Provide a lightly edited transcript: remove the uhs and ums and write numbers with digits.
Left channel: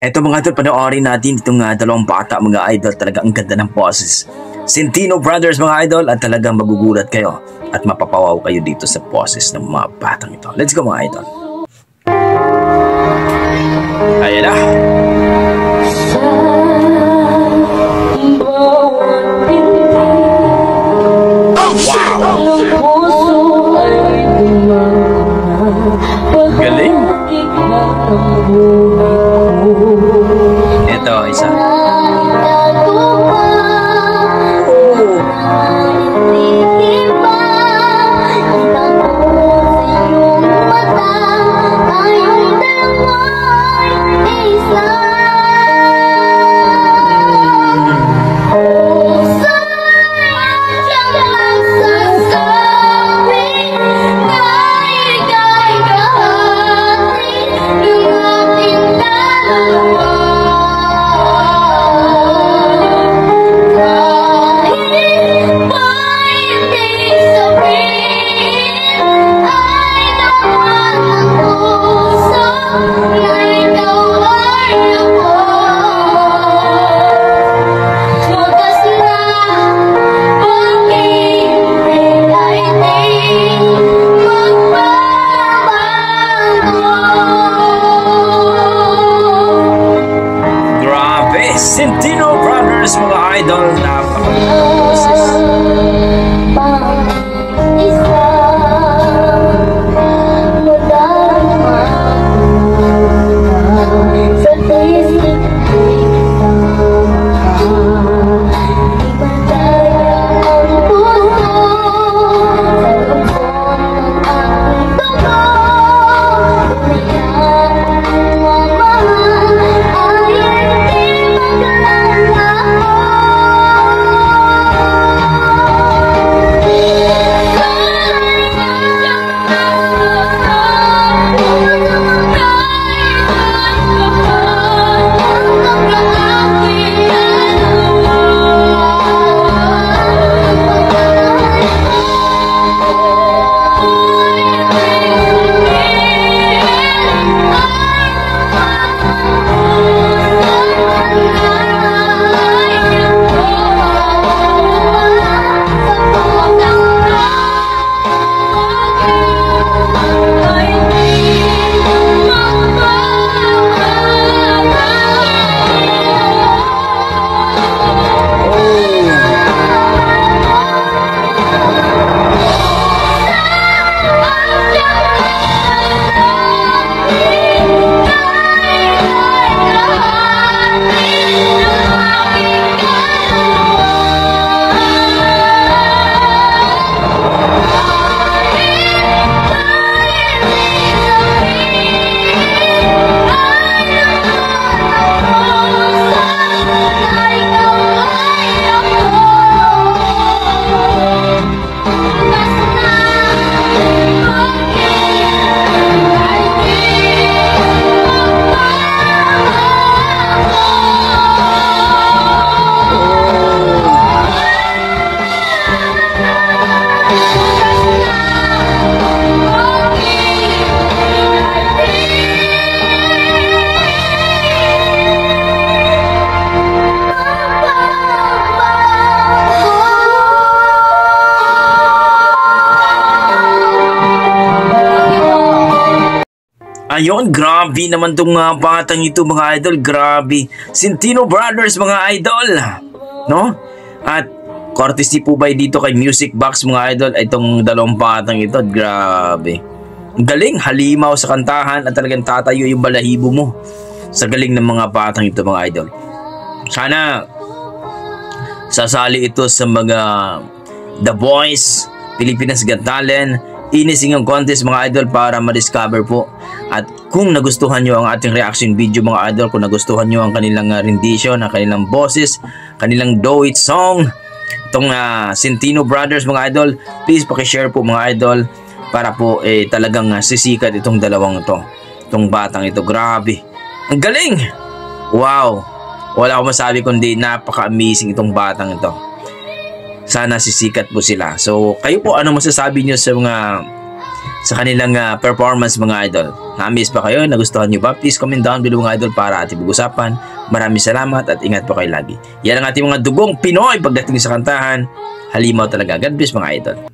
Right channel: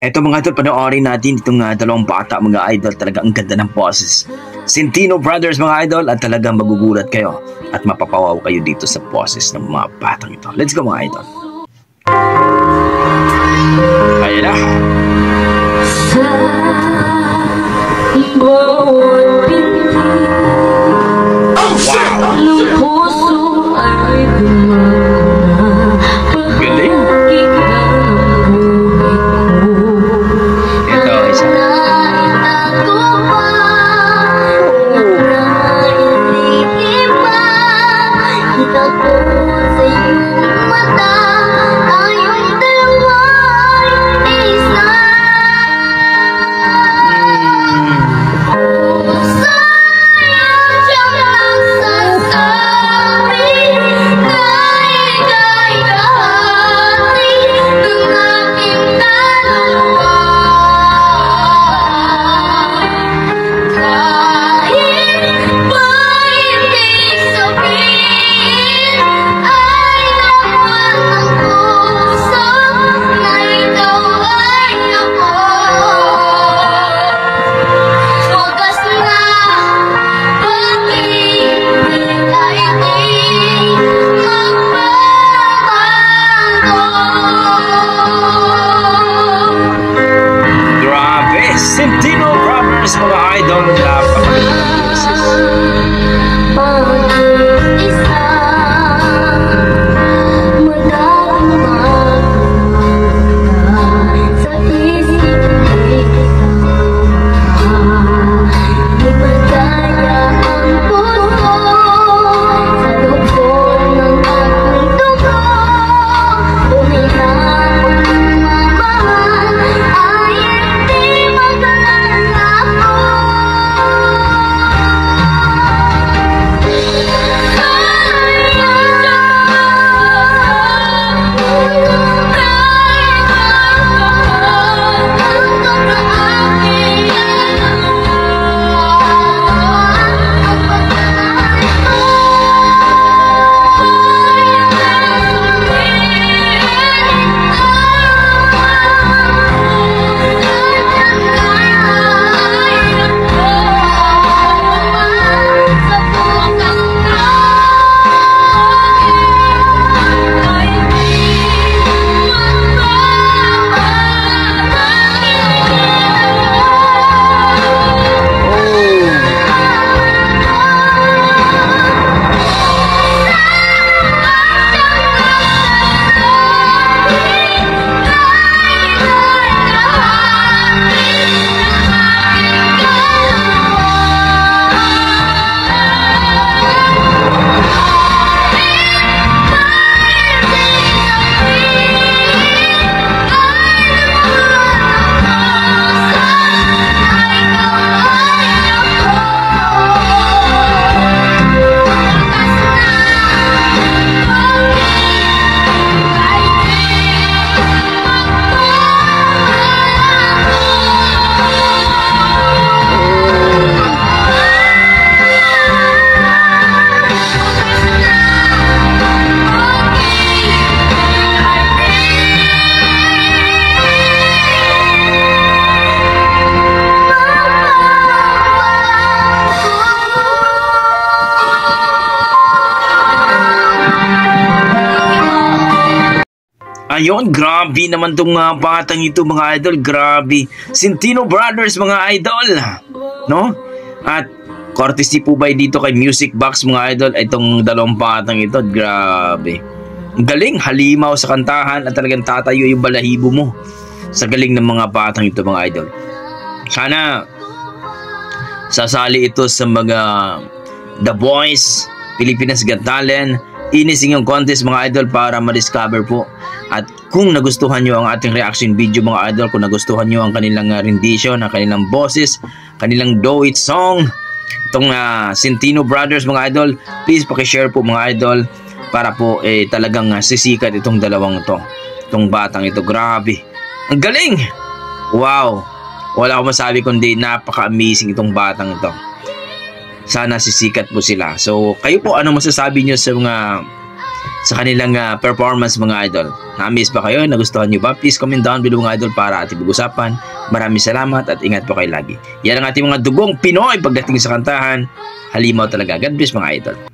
Eto mga idol, panoorin natin itong dalawang bata mga idol. Talagang ang ganda ng boses. Centino Brothers mga idol, at talagang magugulat kayo at mapapawaw kayo dito sa boses ng mga batang ito. Let's go mga idol. Ayan na. Centino Brothers mga idol, napakaganda ng boses. Ayun, grabe naman itong batang ito mga idol, grabe. Centino Brothers mga idol, no? At courtesy po ba dito kay Music Box mga idol, itong dalawang batang ito, grabe. Galing, halimaw sa kantahan at talagang tatayo yung balahibo mo sa galing ng mga batang ito mga idol. Sana sasali ito sa mga The Voice, Pilipinas Got Talent, Inisingong Contest mga idol para ma-discover po. At kung nagustuhan nyo ang ating reaction video mga idol, kung nagustuhan nyo ang kanilang rendition, ang kanilang boses, kanilang do-it song, itong Centino Brothers mga idol, please pakishare po mga idol para po talagang sisikat itong dalawang ito, itong batang ito. Grabe, ang galing, wow, wala akong masabi kundi napaka-amazing itong batang ito. Sana sisikat po sila. So kayo po, ano masasabi nyo sa kanilang performance mga idol. Na-miss ba kayo? Nagustuhan nyo ba? Please comment down below mga idol para ating pag-usapan. Maraming salamat at ingat po kayo lagi. Yan ang ating mga dugong Pinoy pagdating sa kantahan. Halimaw talaga. God bless mga idol.